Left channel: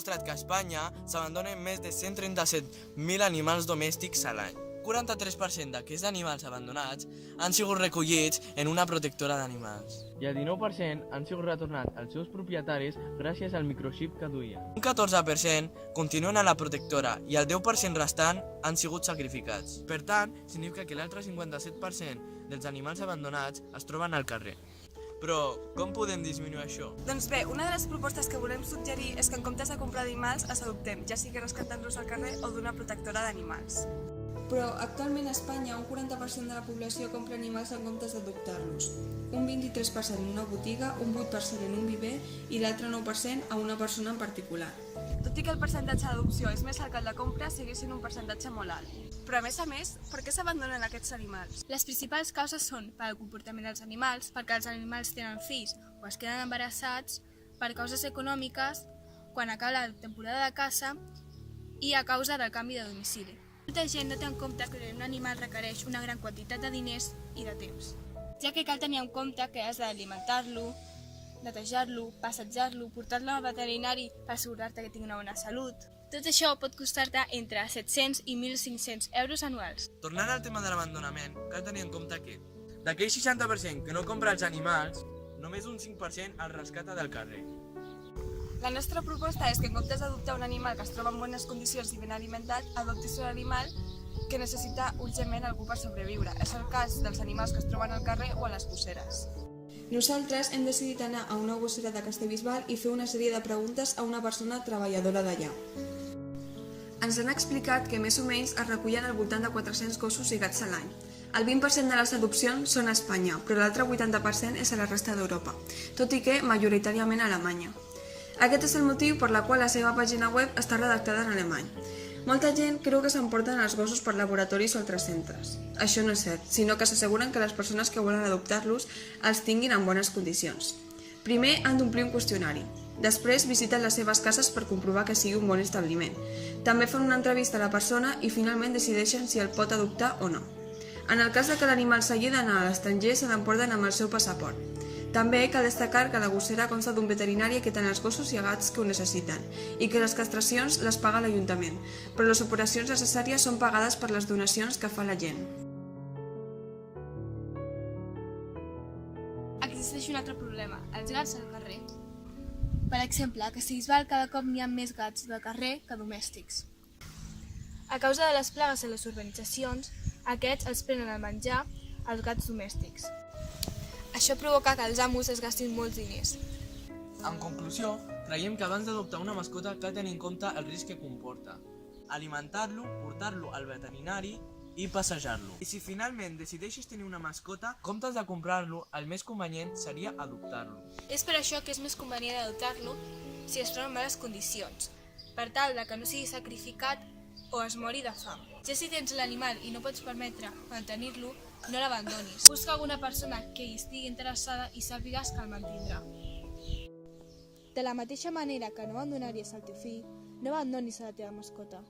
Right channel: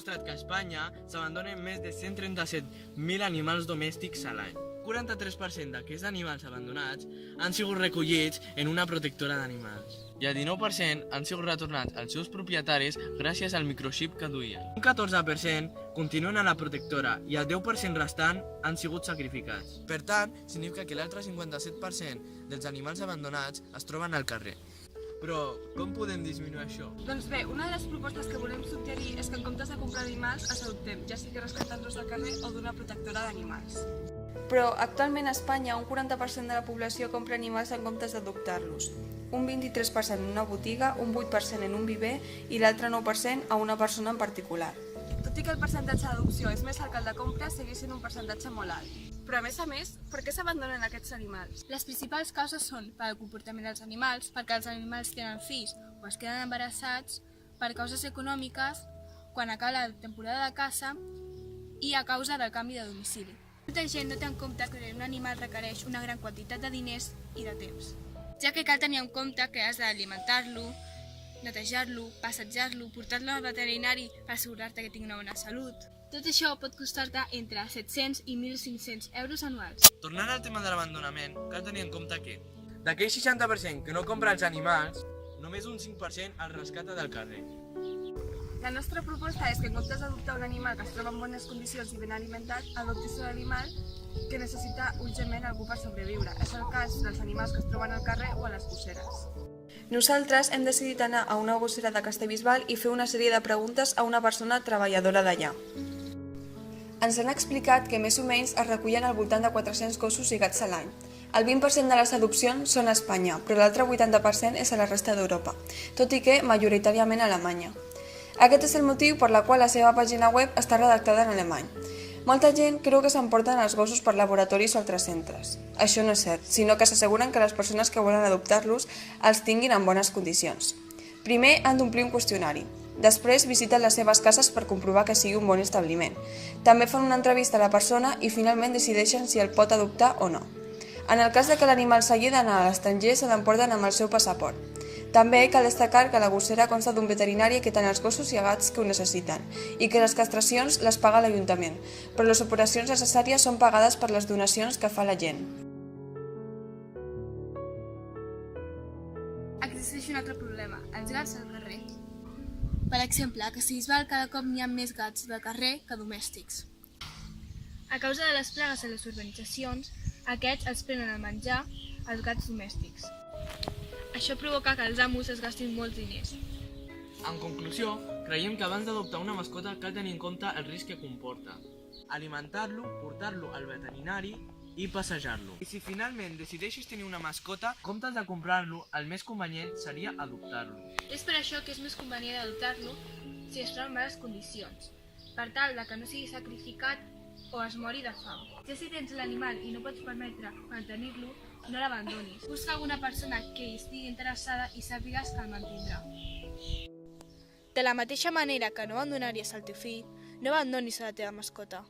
demostrat que a Espanya s'abandonen més de 137.000 animals domèstics a l'any. 43% d'aquests animals abandonats han sigut recollits en una protectora d'animals i el 19% han sigut retornats als seus propietaris gràcies al microxip que duien. Un 14% continuen a la protectora i el 10% restant han sigut sacrificats. Per tant, significa que l'altre 57% dels animals abandonats es troben al carrer. Però com podem disminuir això? Doncs bé, una de les propostes que volem suggerir és que en comptes de comprar animals els adoptem, ja sigui rescatant-los al carrer o d'una protectora d'animals. Però actualment a Espanya un 40% de la població compra animals en comptes d'adoptar-los. Un 23% en una botiga, un 8% en un viver i l'altre 9% a una persona en particular. Tot i que el percentatge d'adopció és més alt que el de compra, segueix sent un percentatge molt alt. Però a més, per què s'abandonen aquests animals? Les principals causes són per al comportament dels animals, perquè els animals tenen fills o es queden embarassats, per causes econòmiques, quan acaba la temporada de caça i a causa del canvi de domicili. Molta gent no té en compte que un animal requereix una gran quantitat de diners i de temps, ja que cal tenir en compte que has d'alimentar-lo, netejar-lo, passejar-lo, portar-lo al veterinari per assegurar-te que tingui una bona salut. Tot això pot costar-te entre 700 i 1.500 euros anuals. Tornant al tema de l'abandonament, cal tenir en compte que d'aquell 60% que no compra els animals, només un 5% el rescata del carrer. La nostra proposta és que en comptes d'adoptar un animal que es troba en bones condicions i ben alimentat, adoptis un animal que necessita urgentment algú per sobreviure. És el cas dels animals que es troben al carrer o a les gosseres. Nosaltres hem decidit anar a una gossera de Castellbisbal i fer una sèrie de preguntes a una persona treballadora d'allà. Ens han explicat que més o menys es recullen al voltant de 400 gossos i gats a l'any. El 20% de les adopcions són a Espanya, però l'altre 80% és a la resta d'Europa, tot i que majoritàriament a Alemanya. Aquest és el motiu per la qual la seva pàgina web està redactada en alemany. Molta gent creu que s'emporten els gossos per laboratoris o altres centres. Això no és cert, sinó que s'asseguren que les persones que volen adoptar-los els tinguin en bones condicions. Primer han d'omplir un qüestionari. Després visiten les seves cases per comprovar que sigui un bon establiment. També fan una entrevista a la persona i finalment decideixen si el pot adoptar o no. En el cas de que l'animal s'hagi d'anar a l'estranger, se l'emporten amb el seu passaport. També cal destacar que la gossera consta d'un veterinari que té els gossos i gats que ho necessiten i que les castracions les paga l'Ajuntament, però les operacions necessàries són pagades per les donacions que fa la gent. Existeix un altre problema, els gats al carrer. Per exemple, a Castellbisbal cada cop n'hi ha més gats de carrer que domèstics. A causa de les plagues a les urbanitzacions, aquests els prenen el menjar als gats domèstics. Això provoca que els amos es gastin molts diners. En conclusió, creiem que abans d'adoptar una mascota cal tenir en compte el risc que comporta. Alimentar-lo, portar-lo al veterinari i passejar-lo. I si finalment decideixes tenir una mascota, en comptes de comprar-lo, el més convenient seria adoptar-lo. És per això que és més convenient adoptar-lo si es troba en males condicions, per tal que no sigui sacrificat o es mori de fam. Ja si tens l'animal i no pots permetre mantenir-lo, no l'abandonis. Busca alguna persona que hi estigui interessada i sàpigues que el mantindrà. De la mateixa manera que no abandonaries el teu fill, no abandonis a la teva mascota.